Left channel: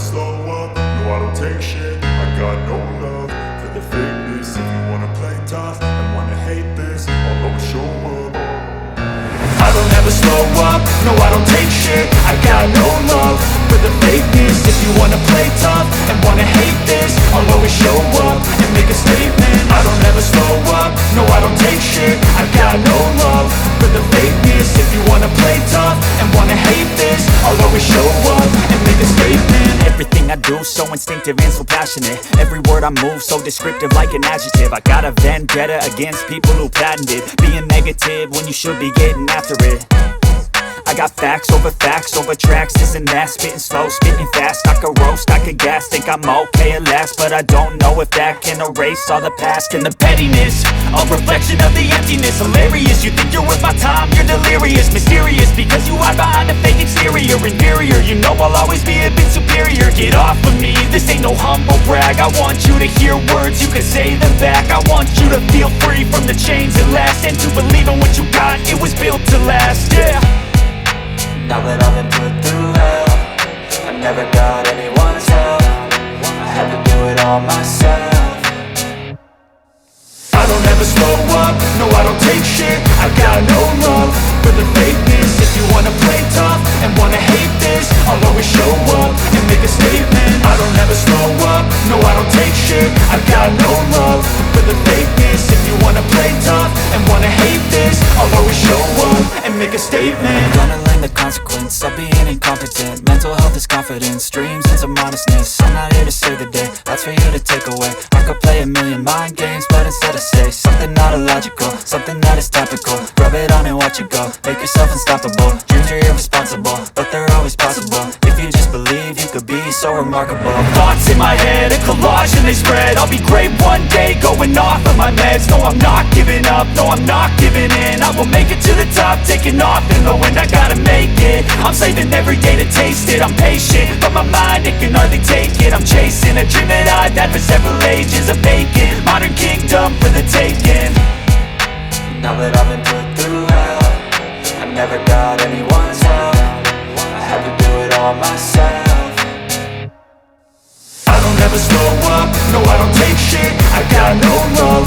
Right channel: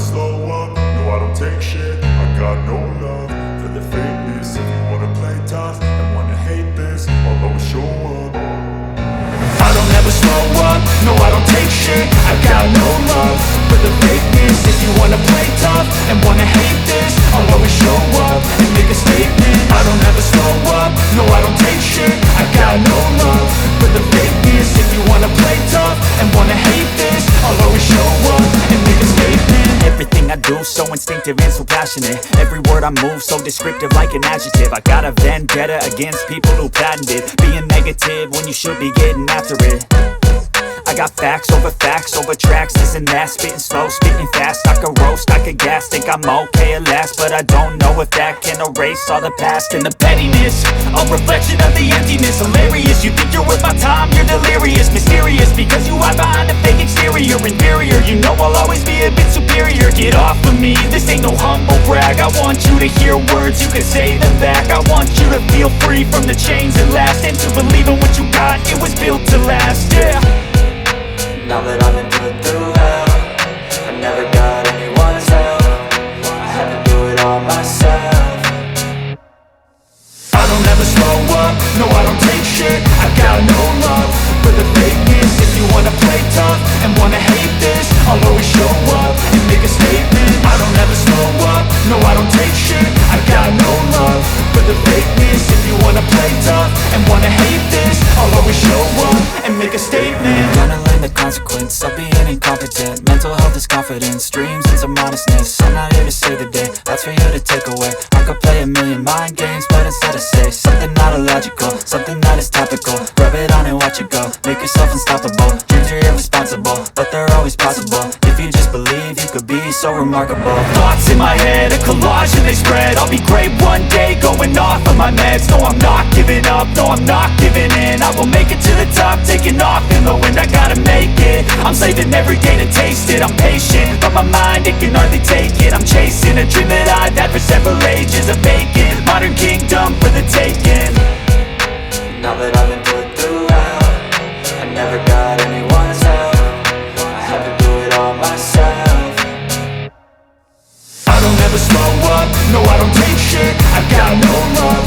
slow up, no I don't take shit. I got no love for the fakeness. If you wanna play tough and wanna hate this, I'll always show up. I don't ever slow up, no I don't take shit. I got no love for the fakeness. If you wanna play tough and wanna hate this, I'll always show up and make a statement. I don't ever slow up, no I don't take shit. I got no love for the fakeness. If you wanna play tough and wanna hate this, I'll always show up and make a statement. Everything I do so instinctive and so passionate. Every word I move so descriptive like an adjective. I got a vendetta against people who patented being negative when you should be getting after it. I got facts over tracks, this and that. Spitting slow, spitting fast, I could roast, I could gas. Think I'm okay at last, but I don't know if that can erase all the past. And the pettiness, a reflection of the emptiness. Hilarious, you think you're worth my time, you're delirious. Mysterious, because you hide behind a fake exterior. Inferior, you know I'll always be a bit superior. Get off of me, this ain't no humble brag. I want you to hear words, you can say them back. I want you to feel free from the chains at last, and to believe in what you got, it was built to last, yeah. Now that I've been put through hell, I never got anyone's help. I had to do it all myself. I don't ever slow up, no I don't take shit. I got no love for the fakeness. If you wanna play tough and wanna hate this, I'll always show up and make a statement. I don't ever slow up, no I don't take shit. I got no love for the fakeness. If you wanna play tough and wanna hate this, I'll always show up and make a statement. Gonna learn the consequence of being incompetent. Mental health is confidence, dreams and some honestness. I'm not here to save the day, that's for you to take away. I could play a million mind games, but instead I say something not illogical, something that is topical. Rub it on and watch it go, make yourself unstoppable. Dreams are irresponsible, but they're always possible. If you just believe, you could be so remarkable. Thoughts in my head, a collage and they spread. I'll be great one day, going off of my meds. No, I'm not giving up, no, I'm not giving in. I will make it to the top, taking off in the wind. I gotta make it, I'm saving every day to taste it. I'm patient, but my mind, it can hardly take it. I'm chasing a dream that I've had for several ages. A vacant, modern kingdom for the taking. Now that I've been put through hell, I never got anyone's help. I had to do it all myself. I don't ever slow up, no I don't take shit. I got no love